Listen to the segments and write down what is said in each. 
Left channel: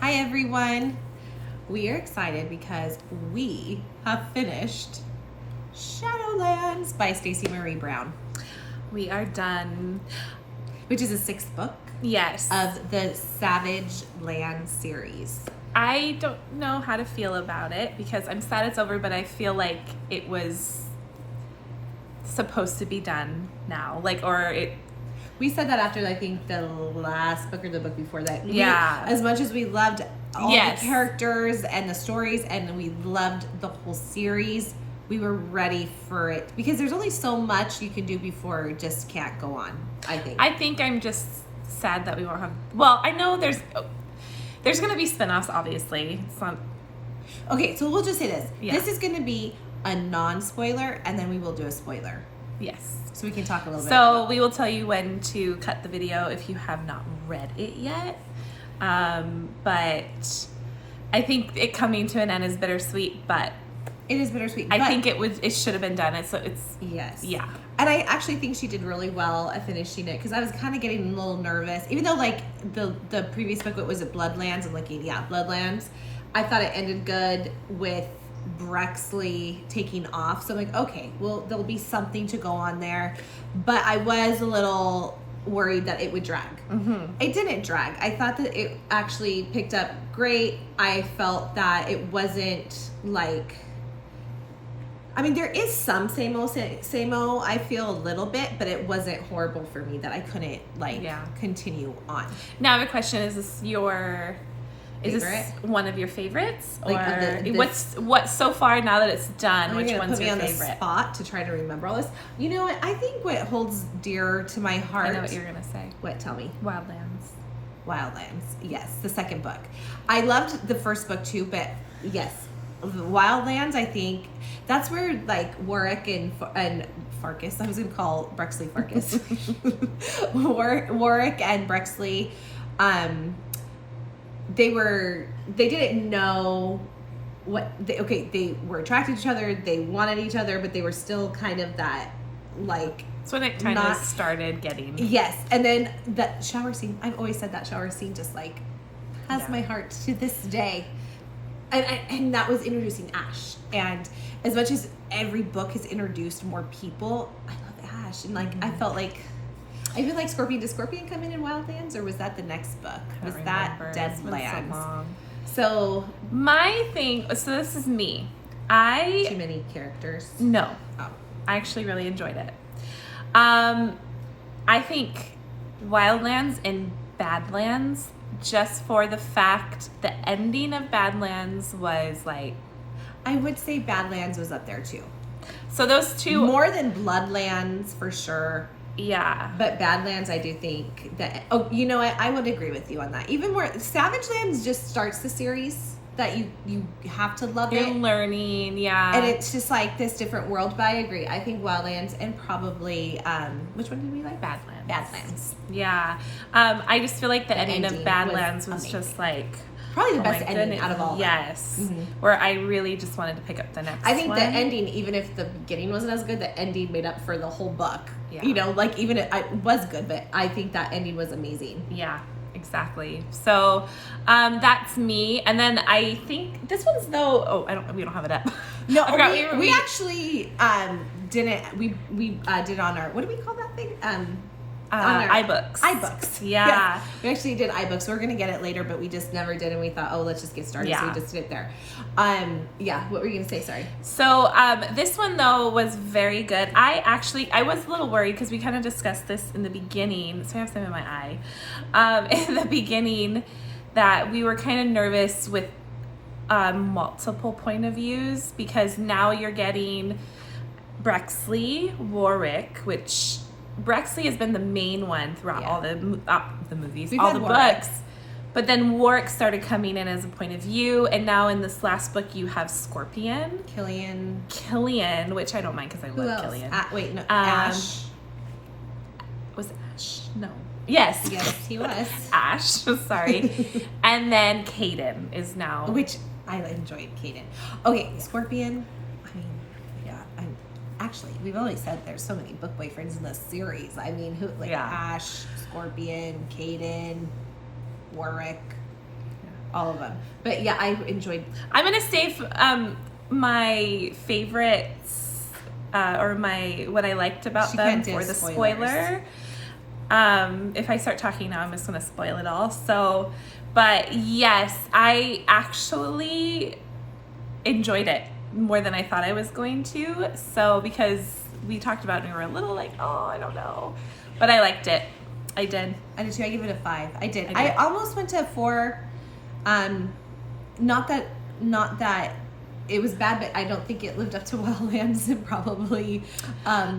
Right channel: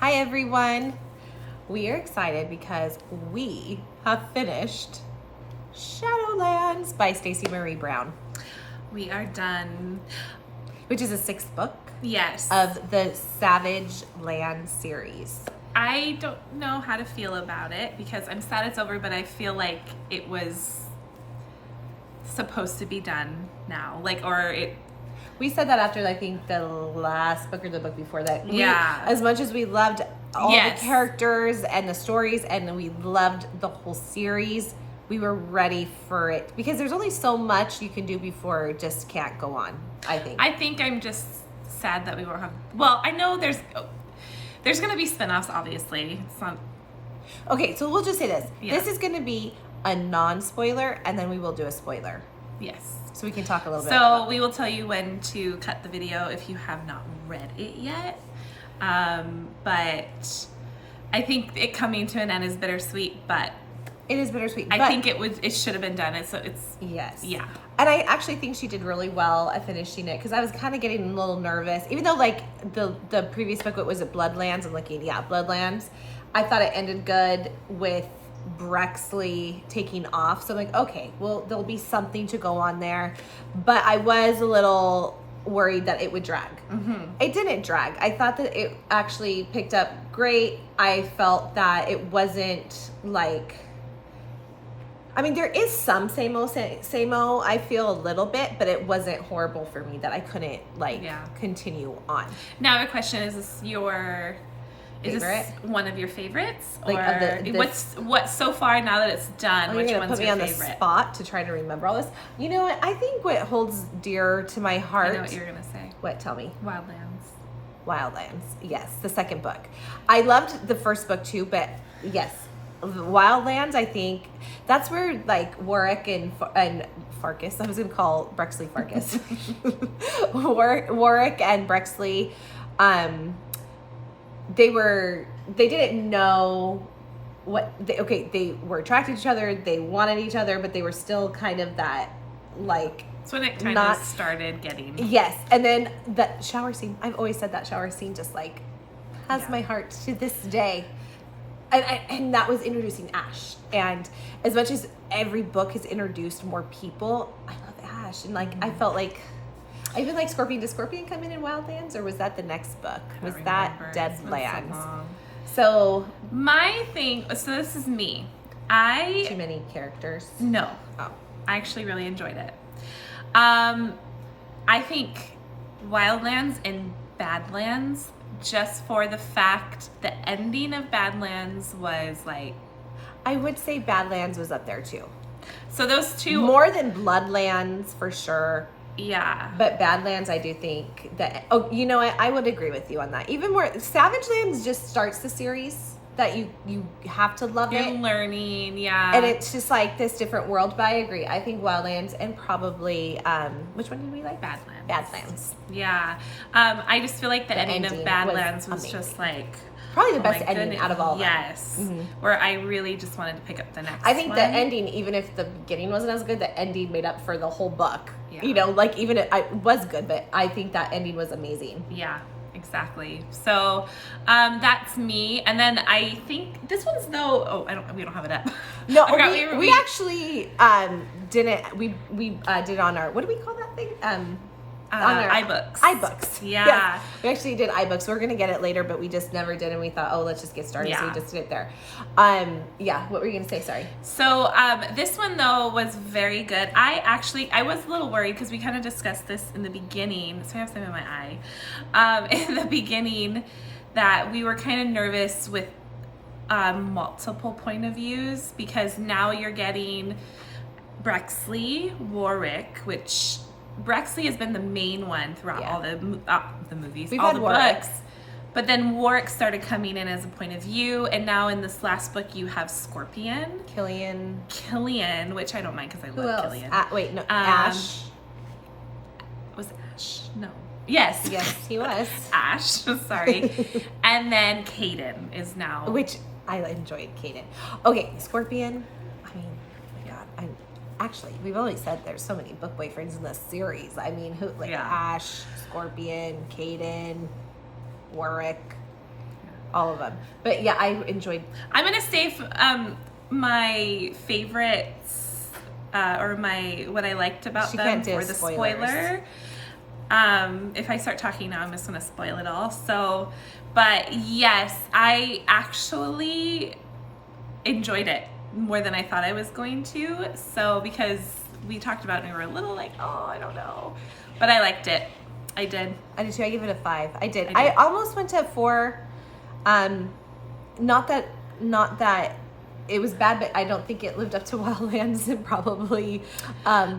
Hi everyone. We are excited because we have finished Shadowlands by Stacey Marie Brown, We are done. which is a 6th book Yes. of the Savage Land series. I don't know how to feel about it because I'm sad it's over, but I feel like it was supposed to be done now. We said that after, I think, the last book or the book before that. Yeah. As much as we loved all Yes. the characters and the stories and we loved the whole series, we were ready for it. Because there's only so much you can do before it just can't go on, I think. I think I'm just sad that we won't have. Well, I know there's going to be spinoffs, obviously. It's not. Okay, so we'll just say this. Yeah. This is going to be a non-spoiler, and then we will do a spoiler. Yes. So we can talk a little bit So about we will tell you when to cut the video if you have not read it yet. But I think it coming to an end is bittersweet, but it is bittersweet. I think it should have been done. It's yes. Yeah. And I actually think she did really well at finishing it because I was kind of getting a little nervous. Even though like the previous book, what was it, Bloodlands? I'm looking, yeah, Bloodlands. I thought it ended good with Brexley taking off. So I'm like, okay, well, there'll be something to go on there. But I was a little worried that it would drag. Mm-hmm. It didn't drag. I thought that it actually picked up great. I felt that it wasn't like, I mean, there is some same-o, I feel a little bit, but it wasn't horrible for me that I couldn't continue on. Now the question is Is Favorite? this one of your favorites, or Like, what's so far now that it's done? Which one's put me your on favorite? the spot to try to remember all this. You know what? I think what holds dear to my heart. I know what you're gonna say. What? Tell me. Wildlands. Yes, the second book. I loved the first book too, but yes, Wildlands. I think that's where like Warwick and Farkas. I was gonna call Brexley Farkas. Warwick and Brexley. They didn't know they were attracted to each other, they wanted each other, but they were still kind of that, like, that's when it kind of started getting. Yes. And then that shower scene, I've always said that shower scene just like has my heart to this day. And that was introducing Ash, and as much as every book has introduced more people, I love Ash, and like I felt like I feel like Scorpion. Did Scorpion come in Wildlands, or was that the next book? Was that Deadlands? So my thing. So this is me. Too many characters. No. Oh. I actually really enjoyed it. I think Wildlands and Badlands, just for the fact the ending of Badlands was like. I would say Badlands was up there too. So those two more than Bloodlands for sure. Yeah. But Badlands, I do think that, you know what? I would agree with you on that. Even more, Savage Lands just starts the series that you have to love You're it. learning, yeah. And it's just like this different world, but I agree. I think Wildlands and probably, which one did we like? Badlands. Badlands. Yeah. I just feel like the ending of Badlands was just like... Probably the best ending out of all of them. Yes. Mm-hmm. Where I really just wanted to pick up the next one. I think the ending, even if the beginning wasn't as good, the ending made up for the whole book. Yeah. You know, like even it was good, but I think that ending was amazing. Yeah, exactly. So that's me. And then I think this one's though, we don't have it up. No, we actually didn't, we did on our, what do we call that thing? iBooks. iBooks. Yeah. Yes. We actually did iBooks. We're going to get it later, but we just never did. And we thought, let's just get started. Yeah. So we just did it there. What were you going to say? Sorry. So this one, though, was very good. I was a little worried because we kind of discussed this in the beginning. So I have some in my eye. In the beginning, that we were kind of nervous with multiple point of views because now you're getting Brexley, Warwick, which... Brexley has been the main one throughout all the movies, all the books. But then Warwick started coming in as a point of view, and now in this last book you have Scorpion. Killian, which I don't mind because I love Killian. Ash. Was it Ash? No. Yes. Yes, he was. Ash, sorry. And then Caden is now. Which I enjoyed Caden. Okay, Scorpion. Actually, we've always said there's so many book boyfriends in this series. I mean, Ash, Scorpion, Caden, Warwick. all of them. But yeah, I enjoyed. I'm gonna say my favorites or what I liked about them for the spoiler. If I start talking now, I'm just gonna spoil it all. So, but yes, I actually enjoyed it more than I thought I was going to. So because we talked about it and we were a little like, oh, I don't know, but I liked it. I did. I did too. I give it a 5. I did. I almost went to a 4. Not that it was bad, but I don't think it lived up to Wildlands and probably.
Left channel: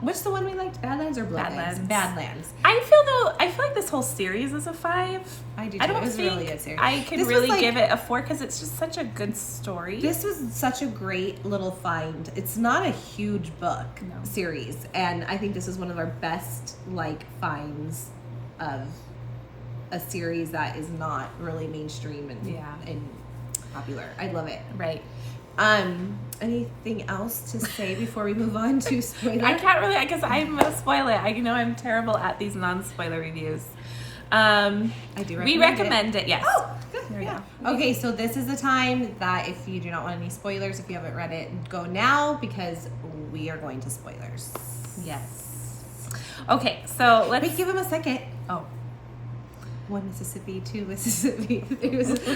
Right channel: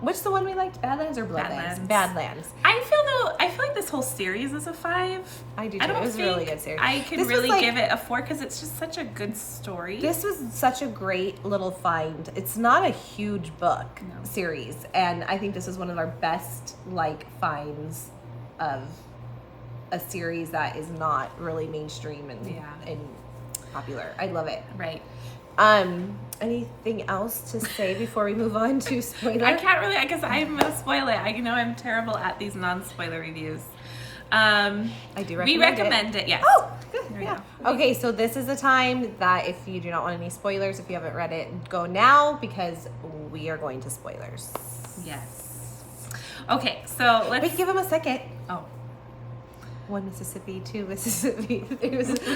What's the one we liked? Badlands or Bloodlands? Badlands. I feel like this whole series is a 5. I do too. I don't it was think a really good series. I can really give it a 4 because it's just such a good story. This was such a great little find. It's not a huge book series, and I think this is one of our best finds of a series that is not really mainstream and popular. I love it. Right. Anything else to say before we move on to spoiler? I can't really, because I'm gonna spoil it. I know I'm terrible at these non-spoiler reviews. I do recommend we recommend it. Yes. Oh, good. There we go. Okay, so this is the time that if you do not want any spoilers, if you haven't read it, go now because we are going to spoilers. Yes. Okay, so let's... Wait, give him a second. Oh. 1 Mississippi, 2 Mississippi.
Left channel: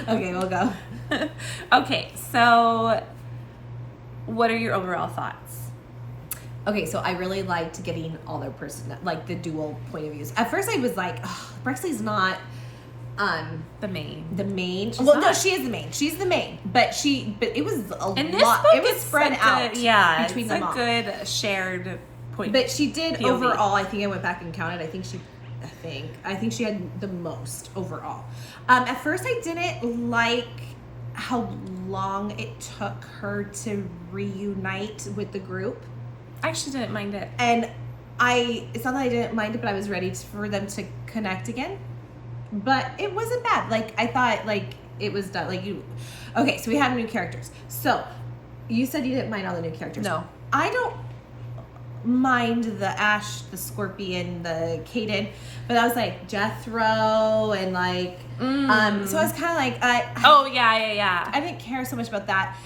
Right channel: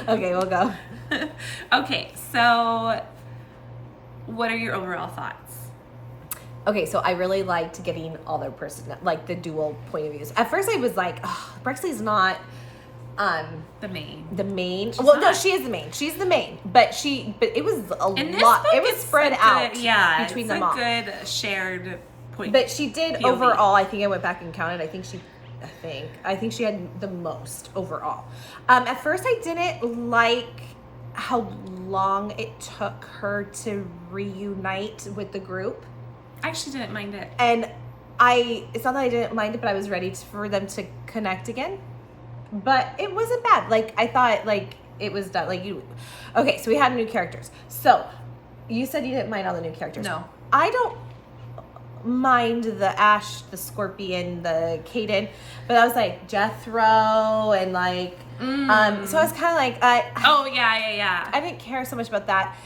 Okay, we'll go. Okay, so what are your overall thoughts? Okay, so I really liked getting all their the dual point of views. At first I was like, oh, Brexley's not the main. No, she is the main. She's the main. But it was a lot. It was spread out between them all. It's a good shared point. But she did POV. Overall, I think I went back and counted. I think she had the most overall. At first I didn't like how long it took her to reunite with the group. I actually didn't mind it. And it's not that I didn't mind it, but I was ready for them to connect again. But it wasn't bad. I thought it was done. Okay, so we had new characters. So you said you didn't mind all the new characters. No. I don't mind the Ash, the Scorpion, the Caden, but I was like Jethro and so I was kind of yeah. I didn't care so much about that.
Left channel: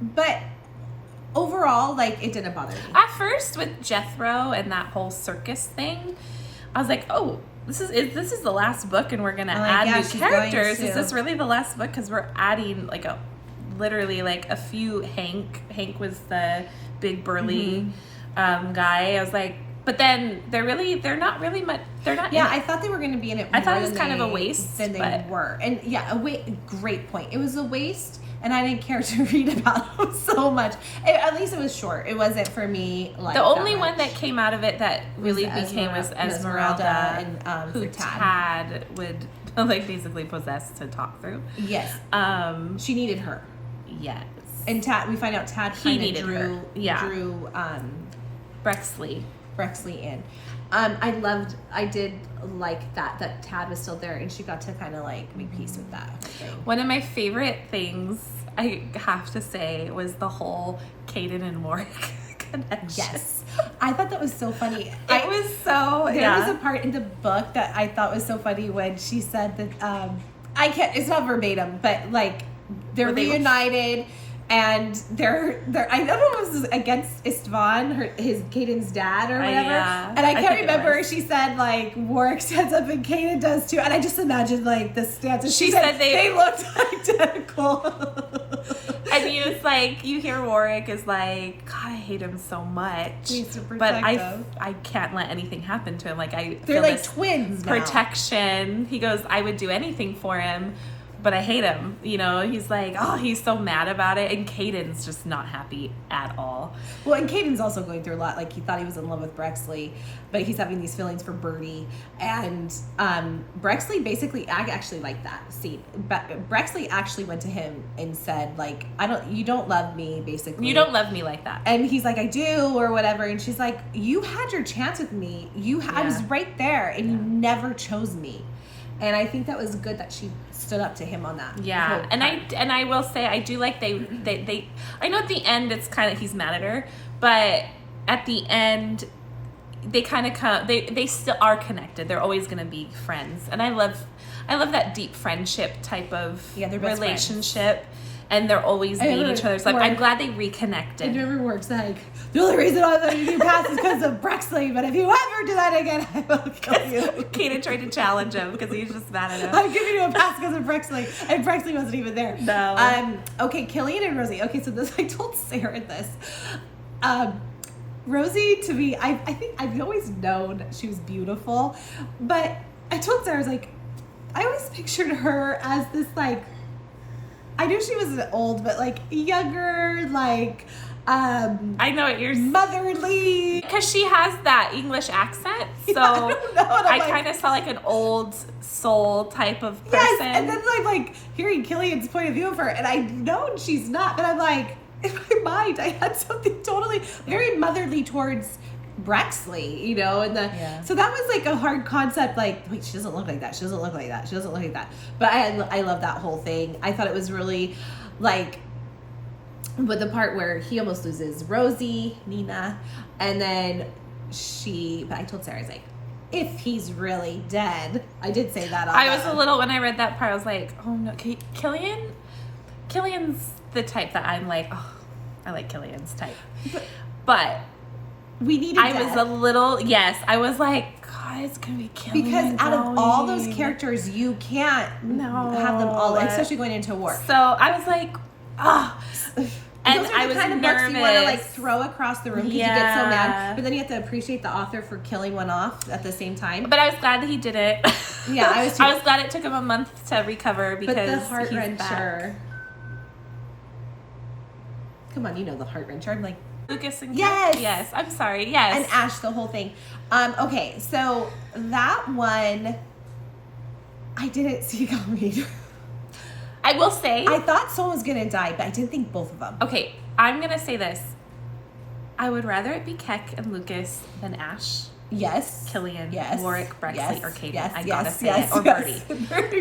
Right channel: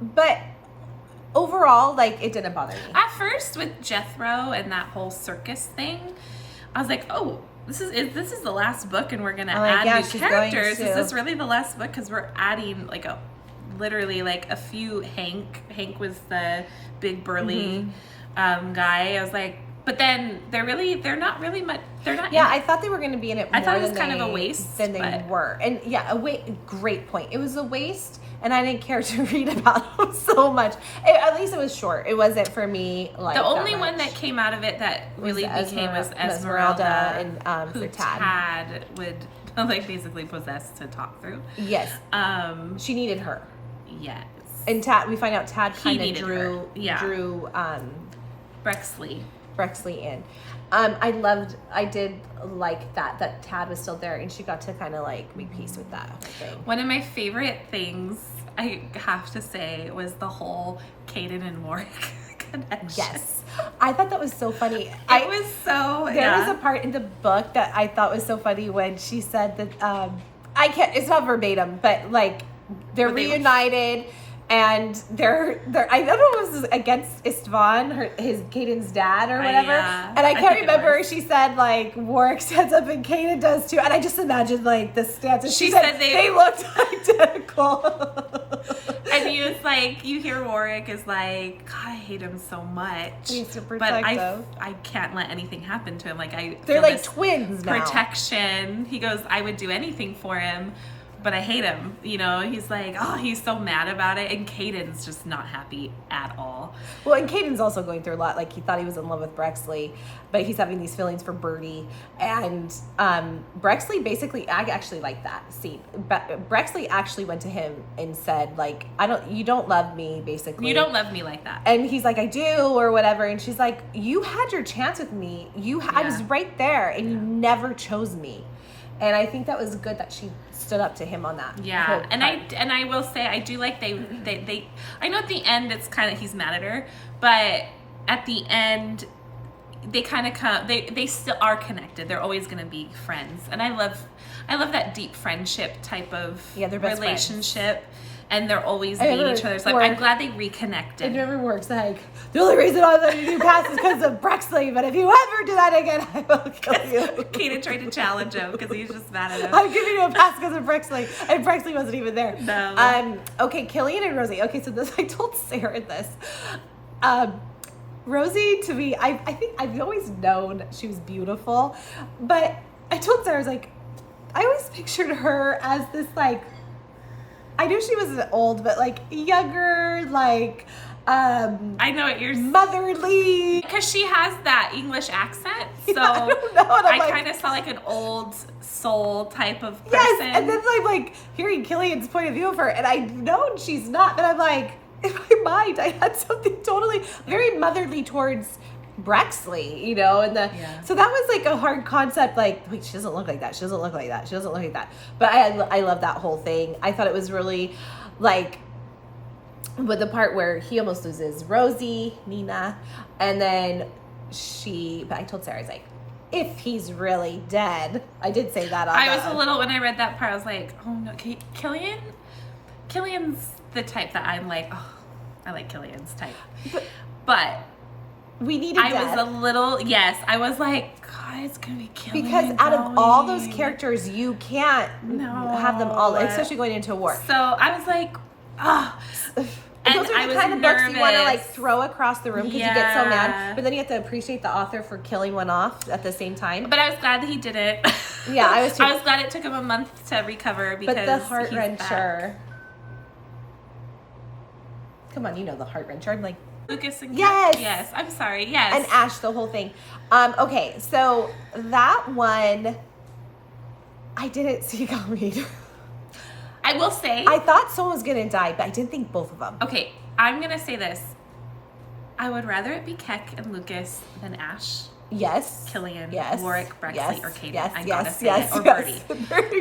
But overall, it didn't bother me. At first with Jethro and that whole circus thing, I was like, oh, this is the last book and we're going to add new characters. Is this really the last book? Because we're adding literally a few Hank was the big burly guy. I was like, but then they're not really much. They're not. Yeah, I thought they were going to be in it. I thought it was kind of a waste than they were, and great point. It was a waste, and I didn't care to read about them so much. At least it was short. It wasn't for me. The only one that came out of it that really became was Esmeralda, and who Tad would basically possess to talk through. Yes. She needed her. Yes. And Tad, we find out Tad kind of drew Brexley in. I did like that Tad was still there and she got to kind of make peace with that whole thing. One of my favorite things, I have to say, was the whole Caden and Warwick connection. Yes. I thought that was so funny. There was a part in the book that I thought was so funny when she said that, it's not verbatim, but they're reunited. And they're I don't know if it was against Istvan, his Caden's dad or whatever. And I can't remember. She said Warwick stands up and Caden does too. And I just imagined the stance. She said they looked identical. And you hear Warwick is God, I hate him so much. He's so but I can't let anything happen to him. They're twins now. Protection. He goes, I would do anything for him. But I hate him, he's he's so mad about it. And Caden's just not happy at all. Well, and Caden's also going through a lot. He thought he was in love with Brexley, but he's having these feelings for Birdie. And Brexley basically, I actually like that scene. But Brexley actually went to him and said, you don't love me, basically. You don't love me like that. And he's like, I do, or whatever. And she's like, you had your chance with me. I was right there, and you never chose me. And I think that was good that she stood up to him on that. Yeah, and I will say I do like they I know at the end it's kind of he's mad at her, but at the end they kind of come they still are connected. They're always going to be friends, and I I love that deep friendship type of they're best relationship. And they're always being each other's life. I'm glad they reconnected. It never works. Like, the only reason I let you pass is because of Brexley, but if you ever do that again, I will kill you. Kaden tried to challenge him because he was just mad at him. I'm giving you a pass because of Brexley, and Brexley wasn't even there. No. Okay, Killian and Rosie. Okay, so this, I told Sarah this. Rosie, to me, I think I've always known she was beautiful, but I told Sarah, I was like, I always pictured her as this, like, I knew she was old, but like younger, like I know what you're motherly. Because she has that English accent, so yeah, I kind of saw like an old soul type of person. Yes, and then I'm like hearing Killian's point of view of her, and I know she's not, but I'm like, in my mind, I had something totally very motherly towards Brexley, you know, and so that was like a hard concept. Like, wait, she doesn't look like that. She doesn't look like that. She doesn't look like that. But I love that whole thing. I thought it was really like, with the part where he almost loses Rosie, Nina, and then but I told Sarah, I was like, if he's really dead, I did say that. I was a little, when I read that part, I was like, oh no, Killian's the type that I'm like, oh, I like Killian's type, but. We needed I was a little, I was like, God, it's going to be Killian. Because out of all those characters, you can't have them all, especially going into war. So I was like, ah. Oh. And those are I the was kind of nervous. books you want to like throw across the room because you get so mad. But then you have to appreciate the author for killing one off at the same time. But I was glad that he did it. Yeah, I was too. I was glad it took him a month to recover because but the heart he's wrencher. back. Come on, you know the heart wrencher. I'm like, Lucas and yes, I'm sorry, yes, and Ash, the whole thing. Okay, so that one I didn't see coming. I will say I thought someone was gonna die, but I didn't think both of them. Okay, I'm gonna say this. I would rather it be Keck and Lucas than Ash. Yes. Killian, yes. Warwick, Brexley, or Caden. I gotta say it. Or Birdie.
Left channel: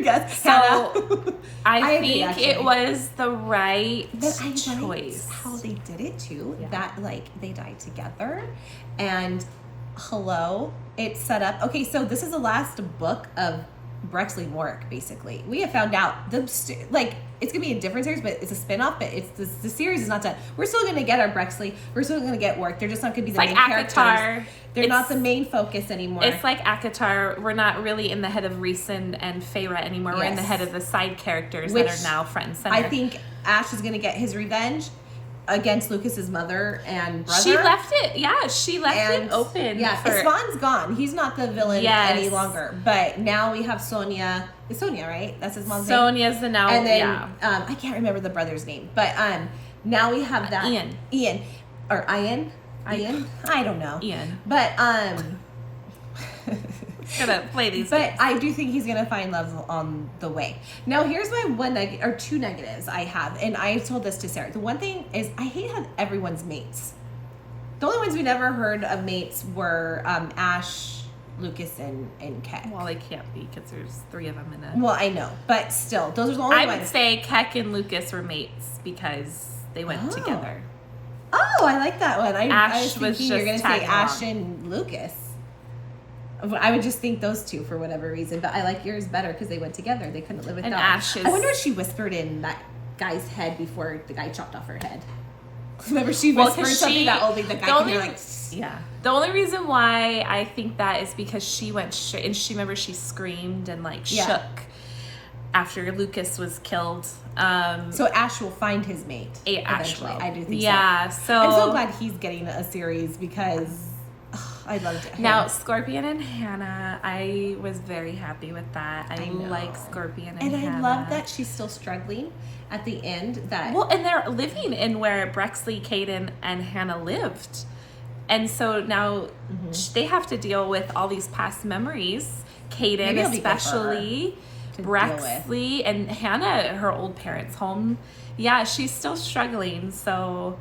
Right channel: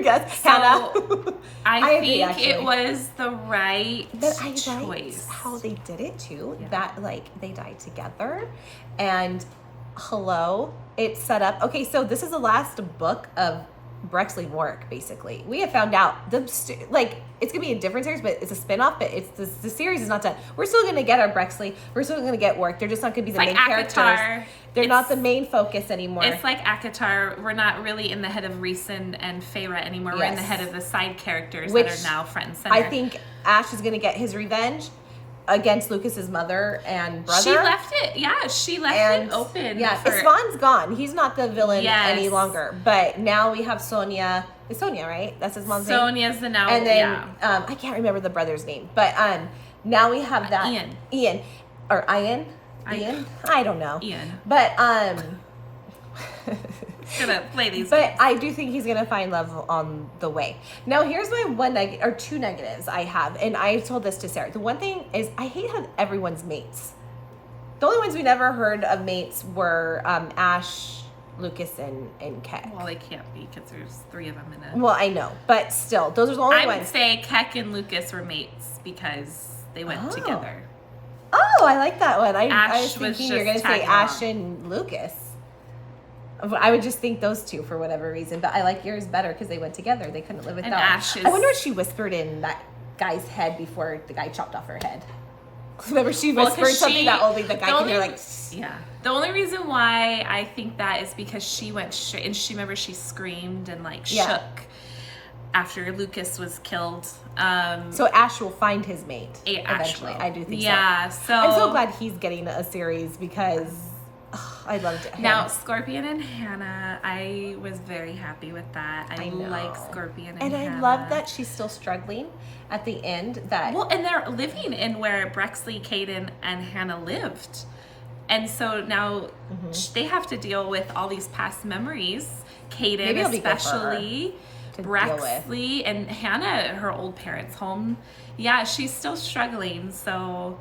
Yes. So I think agree, it was the right choice. choice. How they did it too. Yeah. That like they died together, and it's set up. Okay, so this is the last book of Brexley and Warwick. Basically, we have found out it's gonna be a different series, but it's a spin-off. But it's the series is not done. We're still gonna get our Brexley. We're still gonna get Warwick. They're just not gonna be the main characters. They're not the main focus anymore. It's like ACOTAR. We're not really in the head of Rhys and Feyre anymore. Yes. We're in the head of the side characters that are now front and center. I think Ash is going to get his revenge against Lucas's mother and brother. She left it open. Yeah, Swan's gone. He's not the villain any longer. But now we have Sonia. It's Sonia, right? That's his mom's name. Sonia's the now. And then I can't remember the brother's name, but now we have that Ian. Ian? I don't know. Ian. But gonna play these but games. I do think he's gonna find love on the way. Now here's my two negatives I have, and I told this to Sarah. The one thing is I hate how everyone's mates. The only ones we never heard of mates were Ash, Lucas, and Keck. Well, they can't be because there's 3 of them in it. Well, I know, but still, those are the only ones. I would say Keck and Lucas were mates because they went together. Oh, I like that one. I was thinking just you were going to say Ash along. and Lucas. I would just think those two for whatever reason, but I like yours better because they went together. They couldn't live without. And Ash is... I wonder if she whispered in that guy's head before the guy chopped off her head. Remember, she whispered something that only the guy could hear, like... Yeah. The only reason why I think that is because she went straight, and she screamed and shook after Lucas was killed. So Ash will find his mate eventually. I do think so. Yeah, so I'm so glad he's getting a series because I loved him. Now, Scorpian and Hannah, I was very happy with that. I like Scorpian and Hannah. And I love that she's still struggling at the end. And they're living in where Brexley, Caden, and Hannah lived. And so now they have to deal with all these past memories. Caden especially, Brexley, and Hannah at her old parents' home. Yeah, she's still struggling. So,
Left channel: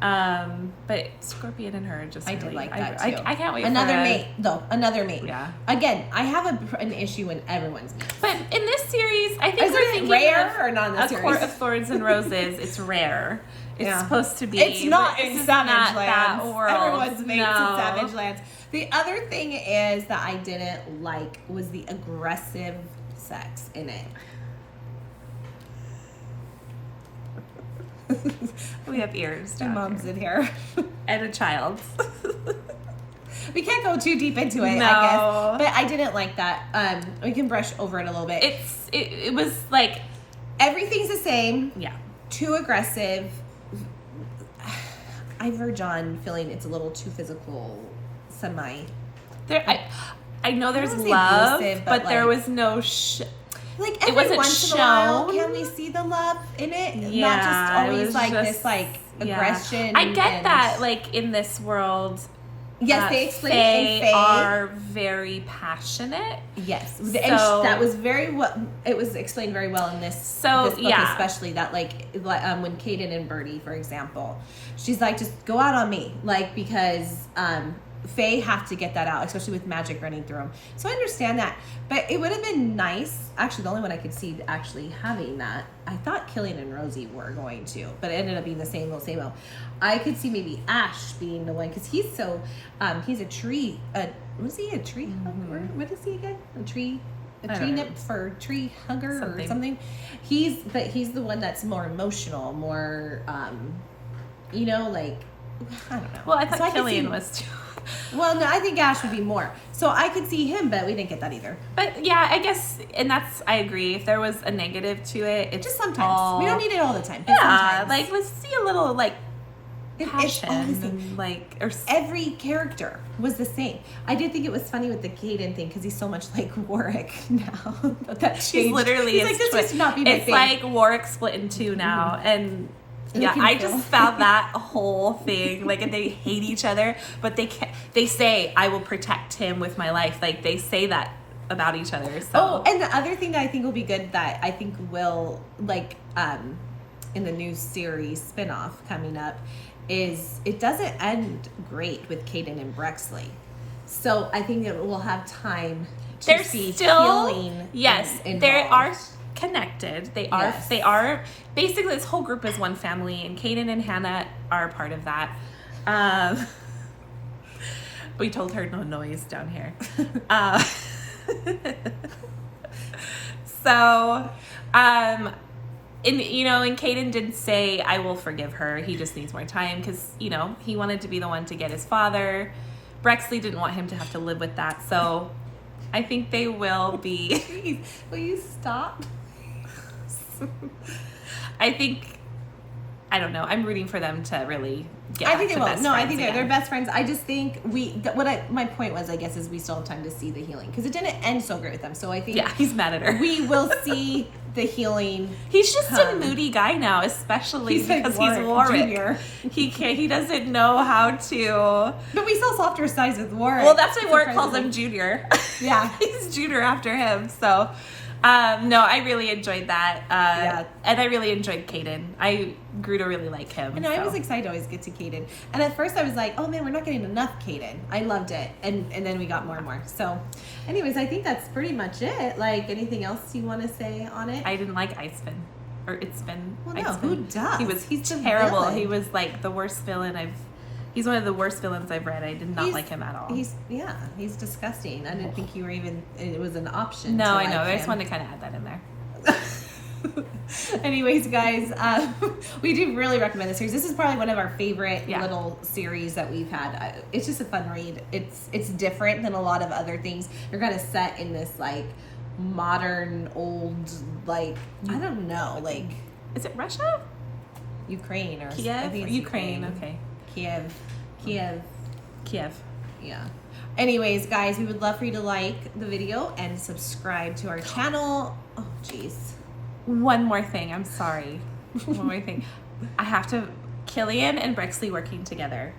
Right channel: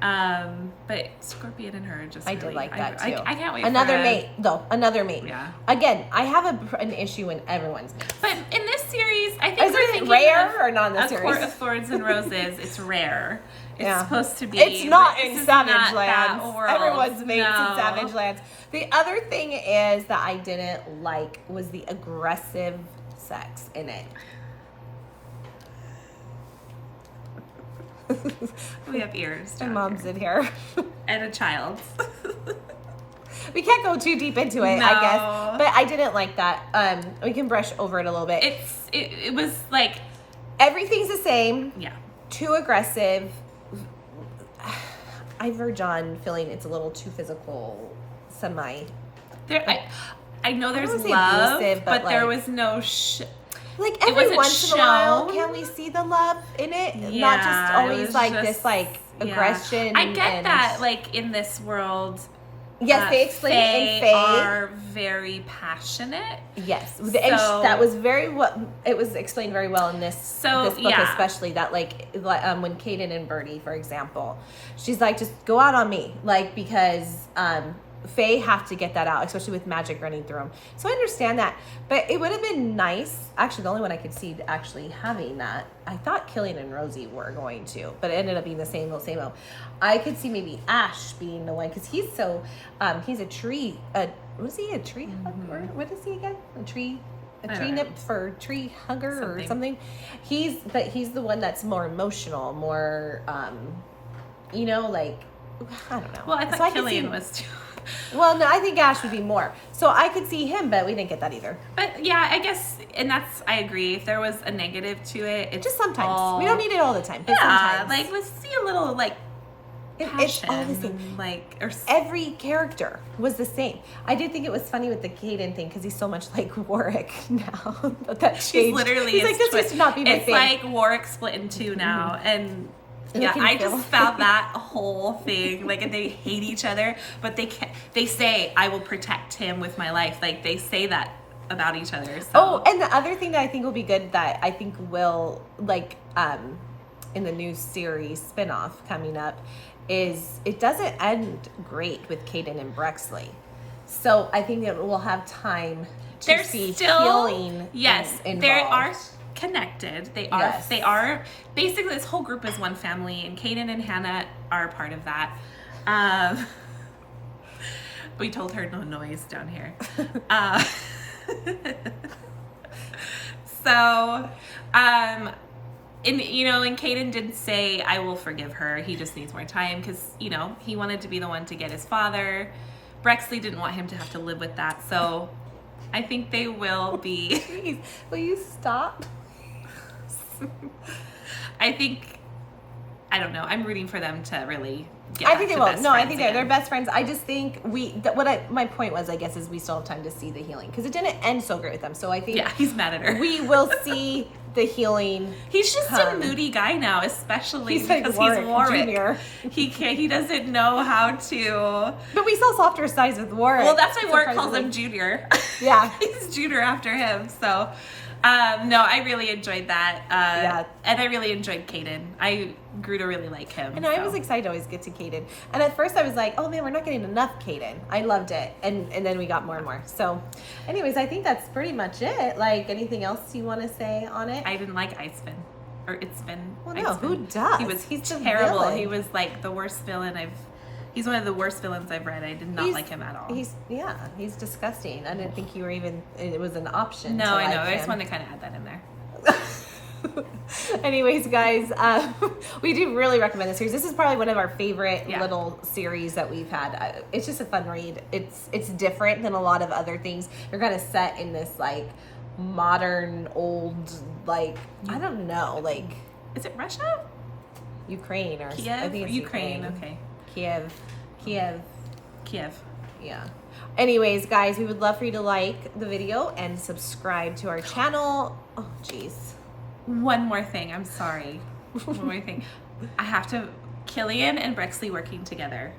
but Scorpion and her just I do like that too. I can't wait another mate, though. Another mate. Yeah. Again, I have an issue when everyone's mates. But in this series, I think we're thinking rare of or not in this A series? Court of Thorns and Roses. It's rare. It's supposed to be. It's not in Savage Lands. That world. Everyone's mates in Savage Lands. The other thing is that I didn't like was the aggressive sex in it. We have ears. My mom's in here. And a child. We can't go too deep into it, No. I guess. But I didn't like that. We can brush over it a little bit. It was like, everything's the same. yeah. Too aggressive. I verge on feeling it's a little too physical, semi. I know there's I don't love, wanna say abusive, but but there like- was no Like It every wasn't once in a while, shown. can we see the love in it? Yeah, Not just it always was like just- this like yeah. aggression. I get and- that, like, in this world, Yes, they explained it in they Faye. are very passionate. Yes, and So- that was it was explained very well in this book, yeah. especially that when Caden and Birdie, for example, she's like, just go out on me, like, because Faye have to get that out, especially with magic running through them. So I understand that, but it would have been nice. Actually, the only one I could see actually having that, I thought Killian and Rosie were going to, but it ended up being the same old, same old. I could see maybe Ash being the one, because he's so, he's a tree, was he a tree hugger? What is he again? A tree nymph for tree hugger or something? He's the one that's more emotional, more, like, I don't know. Well, I thought So Killian was too. Well, no, I think Ash would be more. So I could see him, but we didn't get that either. But yeah, I guess, and I agree. If there was a negative to it, it's Just sometimes. all, We don't need it all the time. But Yeah, sometimes. like, let's see a little, like, It's passion. all the same. And, like, or Every character was the same. I did think it was funny with the Caden thing because he's so much like Warwick now. But that changed. he's literally He's like, this used to not be my it's thing. like Warwick split in two now, and And yeah, you can I feel- just found that whole thing, like, and they hate each other, but they say, I will protect him with my life. Like, they say that about each other. So. Oh, and the other thing that I think will be good that I think will, like, in the new series spinoff coming up, is it doesn't end great with Caden and Brexley. So I think that we'll have time to They're see still, healing. yes, involved. they are connected. They are, Yes. they are, basically this whole group is one family, and Caden and Hannah are part of that. We told her no noise down here. So, and Caden did say, I will forgive her. He just needs more time because, he wanted to be the one to get his father. Brexley didn't want him to have to live with that. So I think they will be. Please, will you stop? I don't know. I'm rooting for them to really get I back think to they will. best No, I friends think again. they're best friends. I just think my point was, I guess, is we still have time to see the healing because it didn't end so great with them. So I think Yeah, he's mad at her. we will see the healing. He's just a moody guy now, especially He's like because he's Warwick. Jr. He doesn't know how to. But we saw softer sides with Warwick. Well, that's why Warwick Surprisingly. calls him Junior. Yeah. He's Junior after him. So, no, I really enjoyed that. Yeah. And I really enjoyed Caden. I grew to really like him. And I so. was excited to always get to Caden. And at first I was like, oh man, we're not getting enough Caden. I loved it. And then we got more and more. So anyways, I think that's pretty much it. Like, anything else you want to say on it? I didn't like Icefin. Or Icefin. Well, no, Icefin. who does? He's the terrible. villain. He was like the worst villain He's one of the worst villains I've read. I did not He's- like him at all. He's disgusting. I didn't think you were even, it was an option. No, to I know. like I just him. wanted to kind of add that in there. Anyways, guys, we do really recommend this series. This is probably one of our favorite Yeah. little series that we've had. It's just a fun read. It's different than a lot of other things. You're kind of set in this like modern, old, like I don't know, like Is it Russia? Ukraine or I Kiev? think it's Ukraine. Okay. Kiev. Kiev. Yeah. Anyways, guys, we would love for you to like the video and subscribe to our channel. Oh, jeez. One more thing. I'm sorry. One more thing. I have to. Killian and Brexley working together.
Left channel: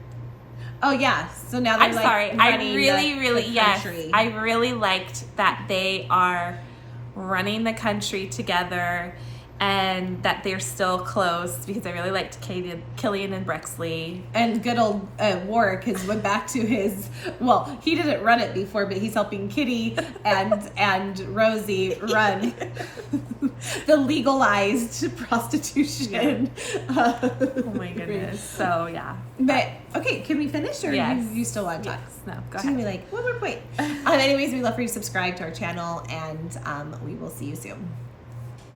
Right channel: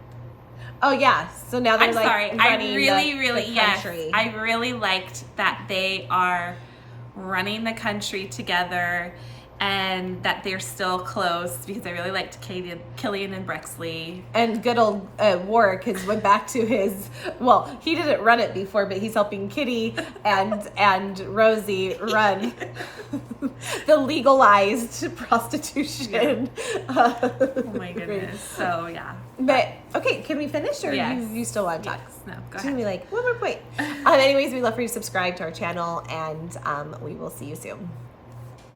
Oh yeah. So now they're I'm like sorry. I running really, the yes. country. I really liked that they are running the country together, and that they're still close because I really liked Caden, Killian and Brexley. And good old Warwick has went back to his, well, he didn't run it before, but he's helping Kitty and Rosie run the legalized prostitution. Oh my goodness. So, yeah. But, okay, can we finish, or Yes. you still want to talk? Yes. No, go She's gonna ahead. be like, wait. Anyways, we'd love for you to subscribe to our channel, and we will see you soon.